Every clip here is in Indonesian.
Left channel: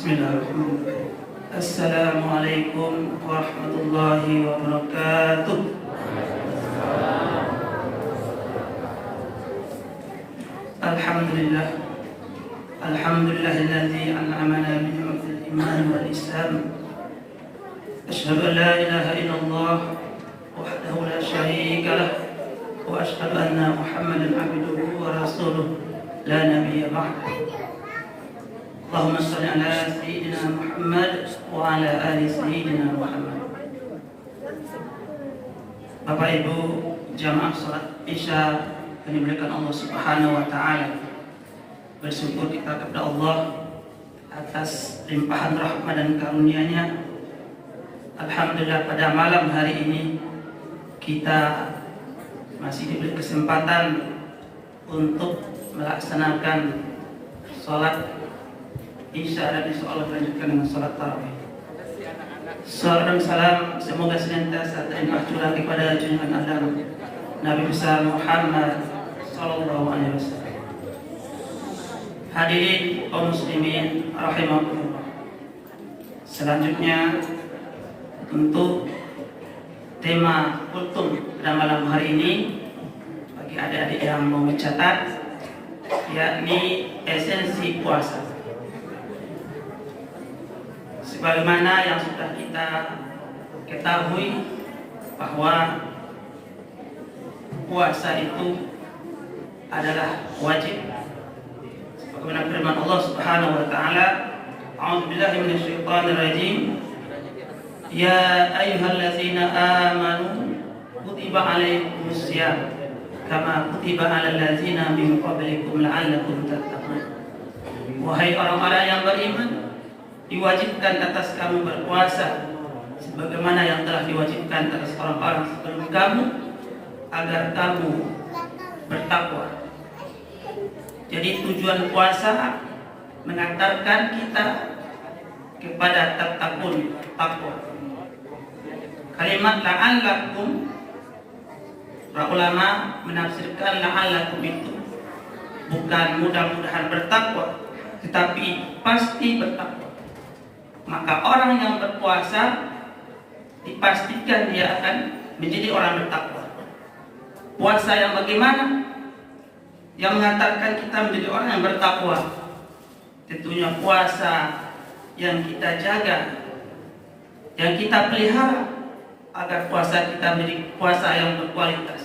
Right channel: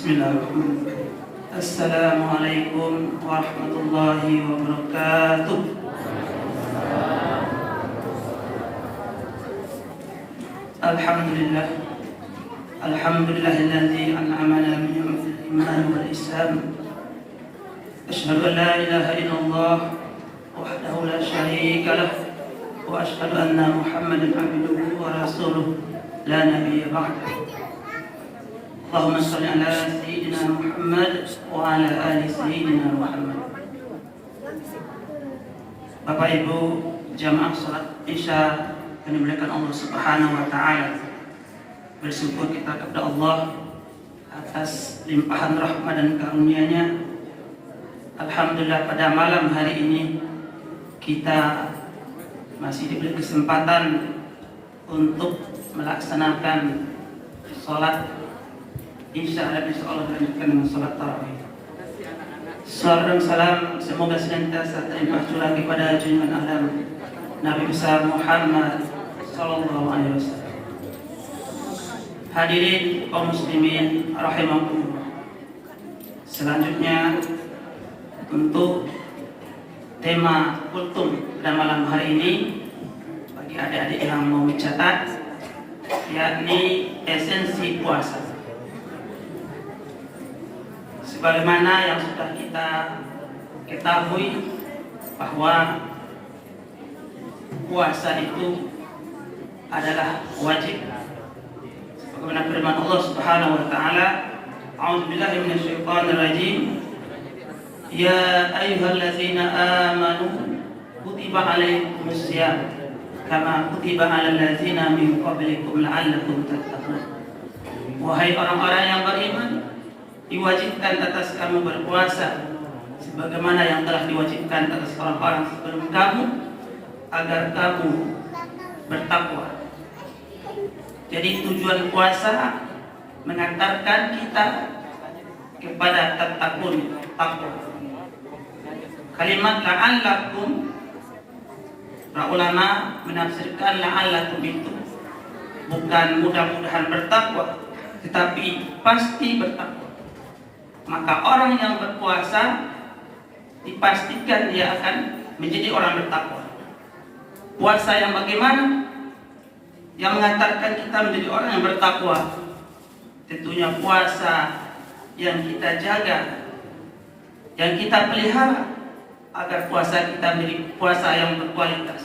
Bismillahirrahmanirrahim. Assalamualaikum warahmatullahi wabarakatuh. Alhamdulillah. Alhamdulillahilladzi an'amana bi ni'matil iman wal islam. Asyhadu an la ilaha illallah wahdahu la syarika lah wa asyhadu anna Muhammadan abduhu wa rasuluh la nabiyya ba'dahu. Allahumma shalli ala sayyidina Muhammad wa ala ali sayyidina Muhammad. Bapak Ibu jamaah salat Isya yang dimuliakan Allah Subhanahu wa taala. Bersyukur kita kepada Allah atas limpahan rahmat dan karunia-Nya. Alhamdulillah pada malam hari ini kita masih diberi kesempatan untuk melaksanakan salat Isya dan insya Allah melanjutkan dengan salat tarawih. Salam dan salam semoga senantiasa terlimpah curah kepada junjungan alam Nabi besar Muhammad sallallahu alaihi wasallam. Hadirin kaum muslimin rahimakumullah. Selanjutnya untuk tema kultum pada malam hari ini bagi adik-adik yang mau mencatat, yakni esensi puasa. Sebagaimana yang sudah kita ketahui bahwa puasa itu adalah wajib. Sebagaimana firman Allah Subhanahu wa taala, A'udzubillahi minasyaitonir rajim. Ya ayyuhallazina amanu kutiba alaikumus syiyam kama kutiba alal ladzina min qablikum la'allakum tattaqun. Wahai orang-orang yang beriman, diwajibkan atas kamu berpuasa sebagaimana yang telah diwajibkan atas orang-orang sebelum kamu agar kamu bertakwa. Jadi tujuan puasa mengantarkan kita kepada tattaqun, takwa. Kalimat la'allakum, para ulama menafsirkan la'allakum itu bukan mudah-mudahan bertakwa, tetapi pasti bertakwa. Maka orang yang berpuasa dipastikan dia akan menjadi orang bertakwa. Puasa yang bagaimana? Yang mengantarkan kita menjadi orang yang bertakwa. Tentunya puasa yang kita jaga, yang kita pelihara agar puasa kita menjadi puasa yang berkualitas.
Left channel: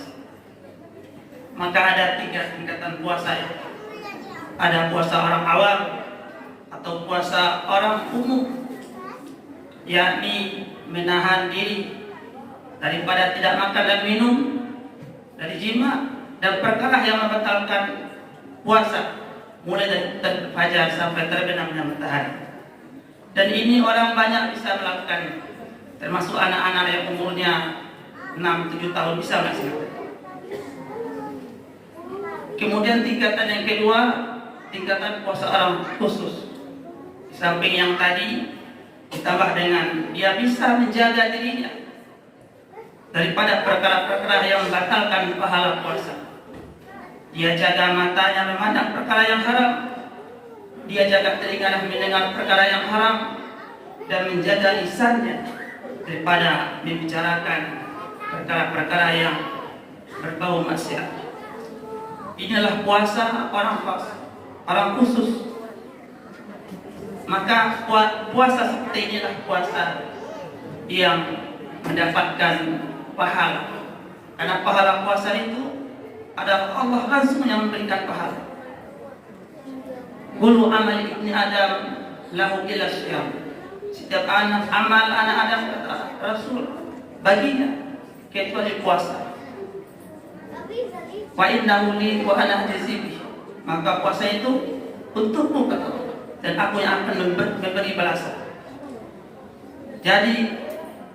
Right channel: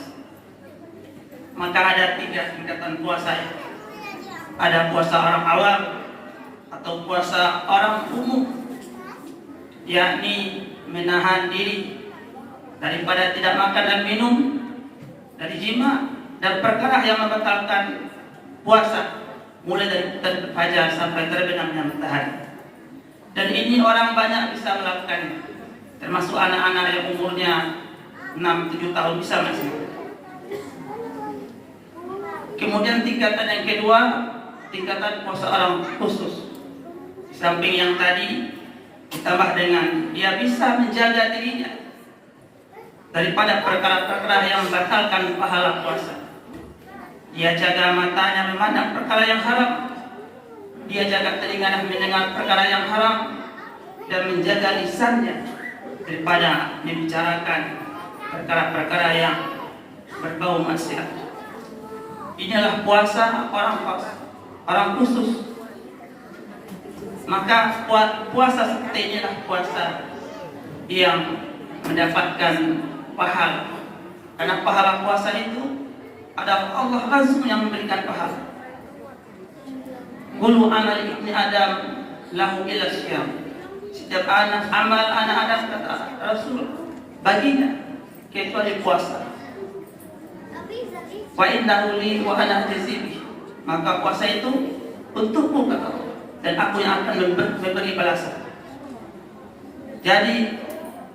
Maka ada 3 tingkatan puasa. Ada puasa orang awam atau puasa orang umum, yakni menahan diri daripada tidak makan dan minum, dari jima dan perkara yang membatalkan puasa, mulai dari terbit fajar sampai terbenamnya matahari. Dan ini orang banyak bisa melakukan, termasuk anak-anak yang umurnya 6-7 tahun bisa melaksanakan. Kemudian tingkatan yang kedua, tingkatan puasa orang khusus. Di samping yang tadi ditambah dengan dia bisa menjaga dirinya daripada perkara-perkara yang membatalkan pahala puasa. Dia jaga matanya memandang perkara yang haram, dia jaga telinganya mendengar perkara yang haram, dan menjaga lisannya daripada membicarakan perkara-perkara yang berbau maksiat. Inilah puasa orang khusus. Maka puasa seperti inilah puasa yang mendapatkan pahala. Karena pahala puasa itu adalah Allah langsung yang memberikan pahala. Kullu amali ibni Adam lahu illa syiyam. Setiap amal anak Adam, kata Rasul, baginya kecuali puasa. Wa innahu li wa ana jazibi. Maka puasa itu untukmu, kata Allah, dan aku yang akan memberi balasan. Jadi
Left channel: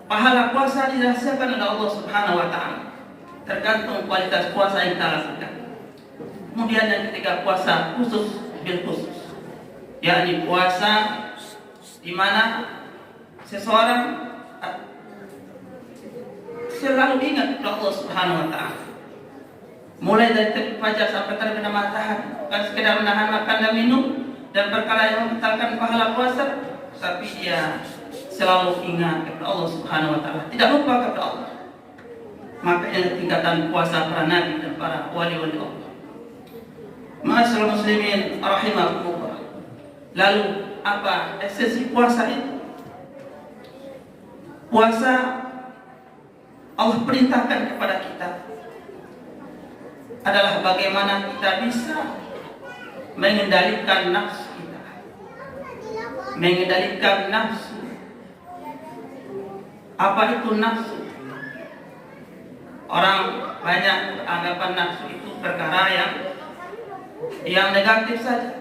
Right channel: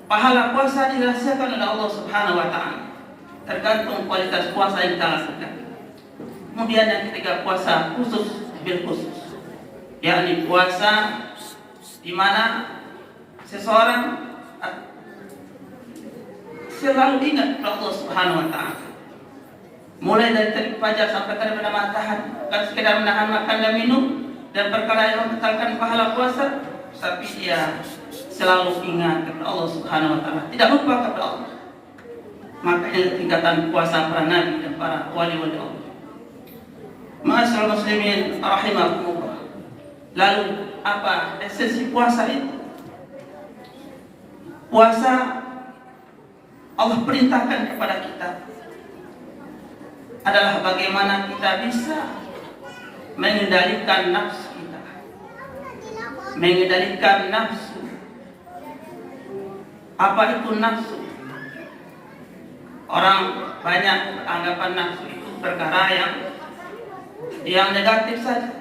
pahala puasa dirahasiakan oleh Allah Subhanahu wa taala, tergantung kualitas puasa yang kita lakukan. Kemudian yang ketiga, puasa khusus bil khusus, yakni puasa di mana seseorang selalu ingat Allah Subhanahu wa taala. Mulai dari terbit fajar sampai terbenam matahari, bukan sekedar menahan makan dan minum dan perkara yang membatalkan pahala puasa, tapi dia selalu ingat kepada Allah Subhanahu wa taala, tidak lupa kepada Allah. Maka ini tingkatan puasa para nabi dan para wali-wali Allah. Ma'asyiral muslimin rahimakumullah. Lalu apa esensi puasa itu? Puasa Allah perintahkan kepada kita adalah bagaimana kita bisa mengendalikan nafsu kita, mengendalikan nafsu. Apa itu nafsu? Orang banyak anggapan nafsu itu perkara yang negatif saja.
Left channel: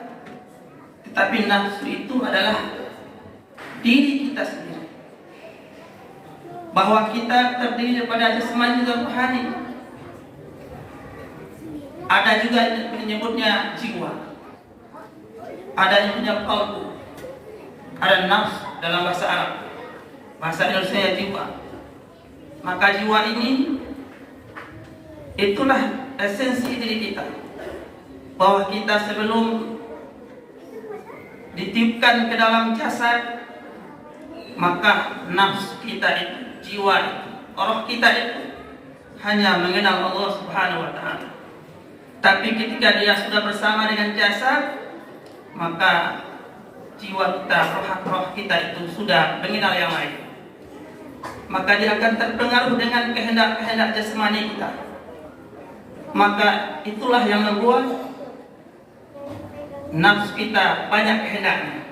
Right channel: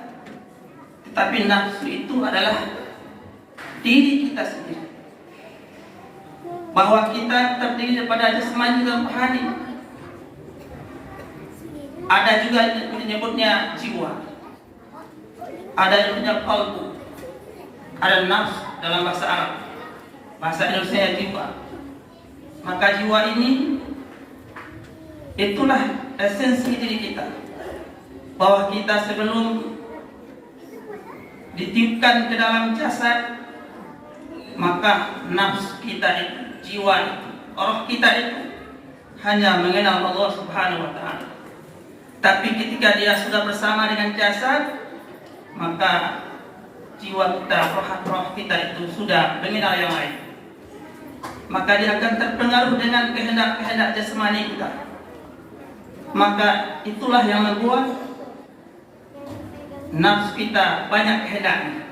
Tetapi nafsu itu adalah diri kita sendiri. Bahwa kita terdiri daripada jasmani dan rohani. Ada juga yang menyebutnya jiwa. Ada yang punya qalbu. Ada nafs dalam bahasa Arab. Bahasa Indonesia jiwa. Maka jiwa ini itulah esensi diri kita. Bahwa kita sebelum ditiupkan ke dalam jasad, maka nafs kita itu, jiwa itu, roh kita itu hanya mengenal Allah Subhanahu wa taala. Tapi ketika dia sudah bersama dengan jasad, maka jiwa kita, roh kita itu sudah mengenal yang lain. Maka dia akan terpengaruh dengan kehendak-kehendak jasmani kita. Maka itulah yang membuat nafsu kita banyak kehendaknya.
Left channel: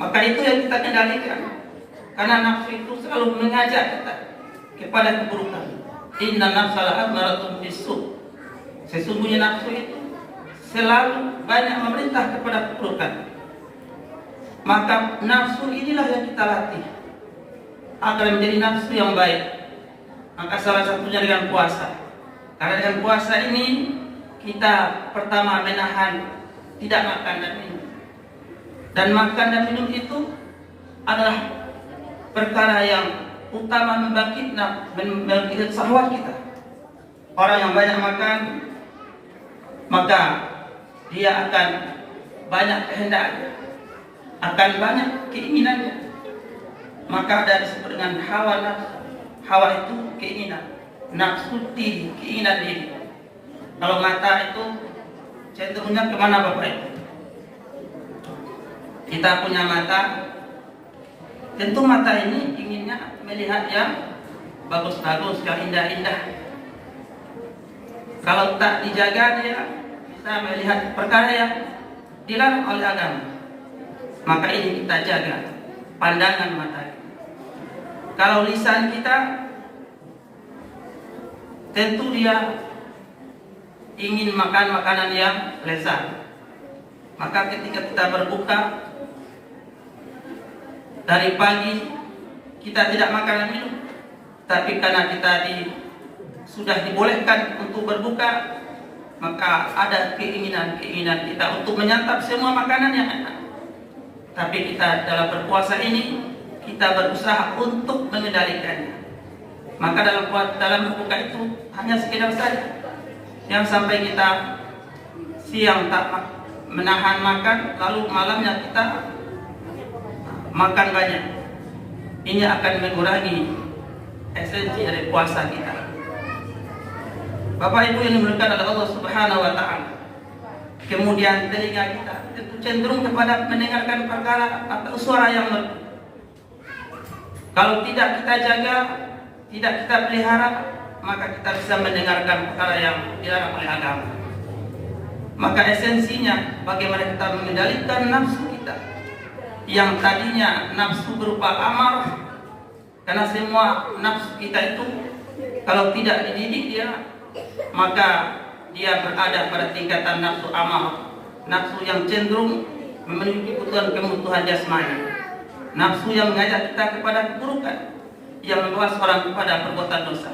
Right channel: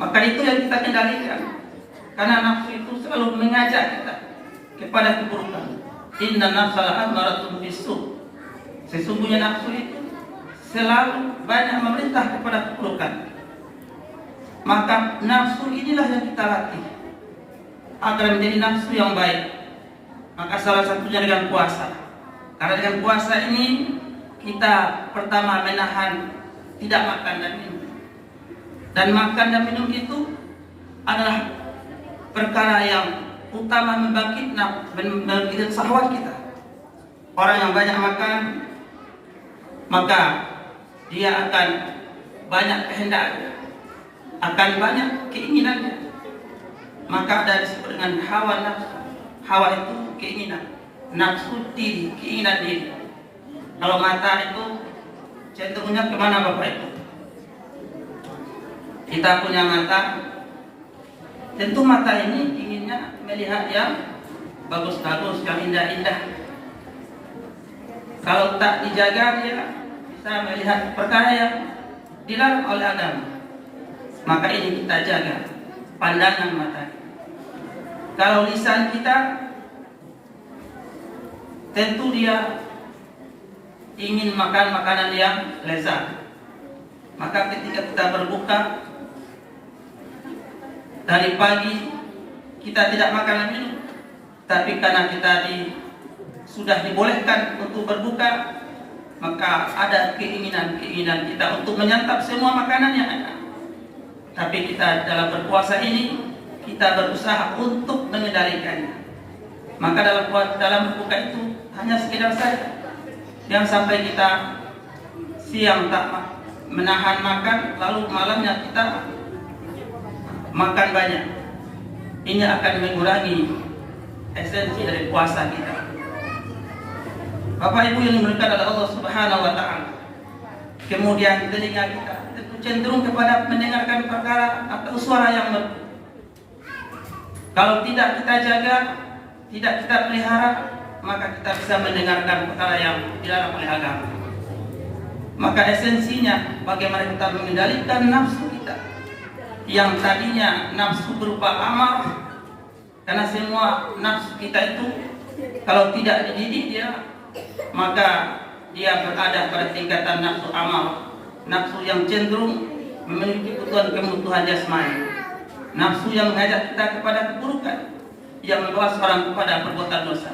Maka itu yang kita kendalikan. Karena nafsu itu selalu mengajak kita kepada keburukan. Inna nafsa la'amaratun bisu. Sesungguhnya nafsu itu selalu banyak memerintah kepada keburukan. Maka nafsu inilah yang kita latih agar menjadi nafsu yang baik. Maka salah satunya dengan puasa. Karena dengan puasa ini kita pertama menahan tidak makan dan minum. Dan makan dan minum itu adalah perkara yang utama membangkitkan syahwat kita. Orang yang banyak makan, maka dia akan banyak kehendaknya, akan banyak keinginannya. Maka ada disebut dengan hawa nafsu. Hawa itu keinginan, nafsu diri, keinginan diri. Kalau mata itu cenderungnya kemana Bapak Ibu? Kita punya mata, tentu mata ini inginnya melihat yang bagus-bagus, yang indah-indah. Kalau tak dijaga, dia bisa melihat perkara yang dilarang oleh agama. Maka ini kita jaga pandangan mata. Kalau lisan kita, tentu dia ingin makan makanan yang lezat. Maka ketika kita berbuka dari pagi, kita tidak makan dan minum. Tapi karena kita sudah dibolehkan untuk berbuka, maka ada keinginan kita untuk menyantap semua makanan yang ada. Tapi kita dalam berpuasa ini, kita berusaha untuk mengendalikannya. Maka dalam berbuka itu hanya sekedar saja. Jangan sampai kita siang tak menahan makan, lalu malamnya kita makan banyak. Ini akan mengurangi esensi dari puasa kita. Bapak Ibu yang dimuliakan oleh Allah Subhanahu wa taala. Kemudian telinga kita cenderung kepada mendengarkan perkara atau suara yang merdu. Kalau tidak kita jaga, tidak kita pelihara, maka kita bisa mendengarkan perkara yang dilarang oleh agama. Maka esensinya bagaimana kita mengendalikan nafsu kita yang tadinya nafsu berupa amal. Karena semua nafsu kita itu kalau tidak dididik dia, maka dia berada pada tingkatan nafsu amal, nafsu yang cenderung memiliki kebutuhan jasmani, nafsu yang mengajak kita kepada keburukan, yang membawa seorang kepada perbuatan dosa.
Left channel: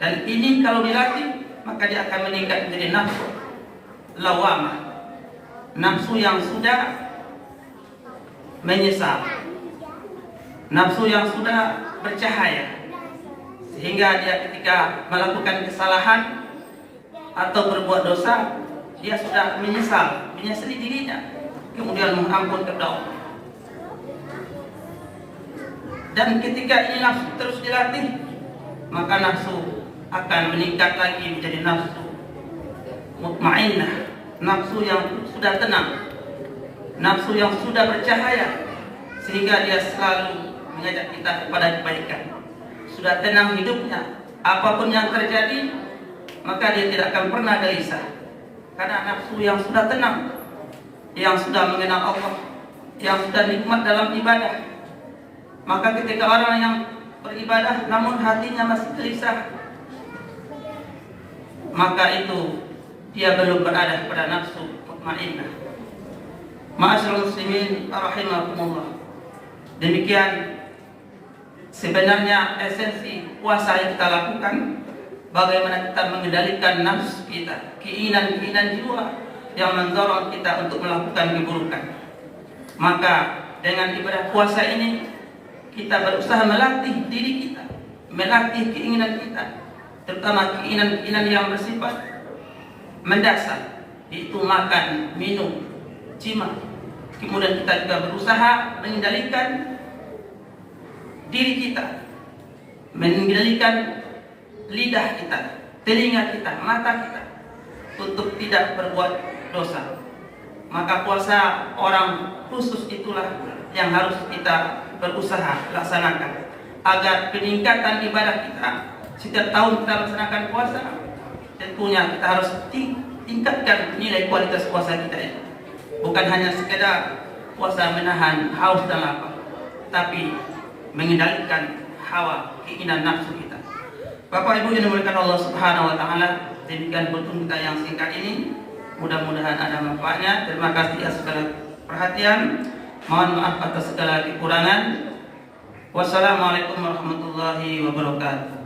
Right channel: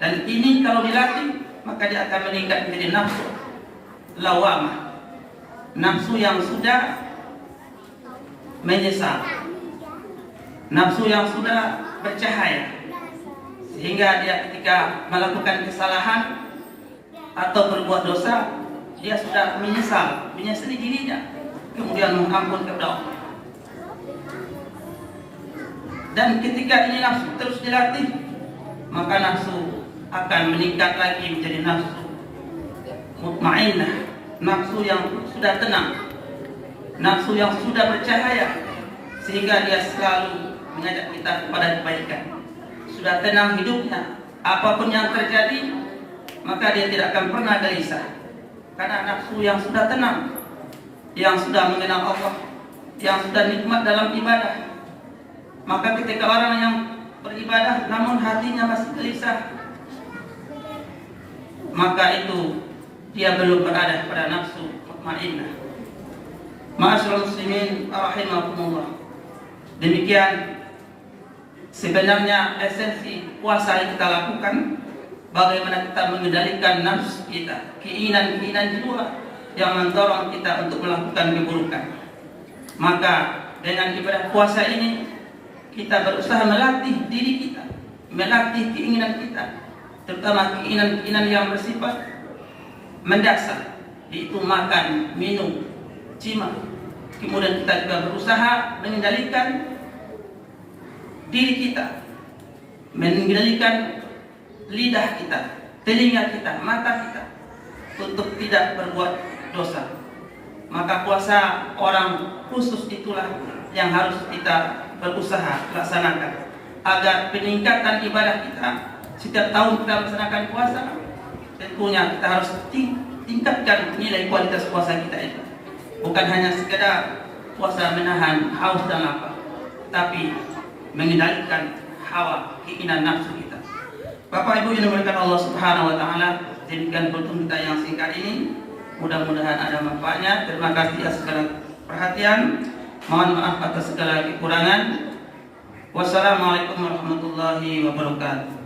Dan ini kalau dilatih, maka dia akan meningkat menjadi nafsu lawamah, nafsu yang sudah menyesal, nafsu yang sudah bercahaya, sehingga dia ketika melakukan kesalahan atau berbuat dosa, dia sudah menyesali dirinya, kemudian mengampun kepada Allah. Dan ketika ini nafsu terus dilatih, maka nafsu akan meningkat lagi menjadi nafsu mutmainnah, nafsu yang sudah tenang, nafsu yang sudah bercahaya, sehingga dia selalu mengajak kita kepada kebaikan. Sudah tenang hidupnya, apapun yang terjadi, maka dia tidak akan pernah gelisah. Karena nafsu yang sudah tenang, yang sudah mengenal Allah, yang sudah nikmat dalam ibadah. Maka ketika orang yang beribadah namun hatinya masih gelisah, maka itu dia belum berada pada nafsu mutmainnah. Ma'asyiral muslimin rahimakumullah. Demikian sebenarnya esensi puasa yang kita lakukan, bagaimana kita mengendalikan nafsu kita, keinginan-keinginan jiwa yang mendorong kita untuk melakukan keburukan. Maka dengan ibadah puasa ini kita berusaha melatih diri kita, melatih keinginan kita, terutama keinginan-keinginan yang bersifat mendasar, yaitu makan, minum, jima. Kemudian kita juga berusaha mengendalikan diri kita, mengendalikan lidah kita, telinga kita, mata kita, untuk tidak berbuat dosa. Maka puasa orang khusus itulah yang harus kita berusaha laksanakan, agar peningkatan ibadah kita setiap tahun kita melaksanakan puasa, tentunya kita harus tingkatkan nilai kualitas puasa kita itu. Bukan hanya sekedar puasa menahan haus dan lapar, tapi mengendalikan hawa, keinginan nafsu kita. Bapak Ibu yang dimuliakan Allah Subhanahu wa taala, demikian kultum kita yang singkat ini. Mudah-mudahan ada manfaatnya. Terima kasih atas segala perhatian. Mohon maaf atas segala kekurangan. Wassalamualaikum warahmatullahi wabarakatuh.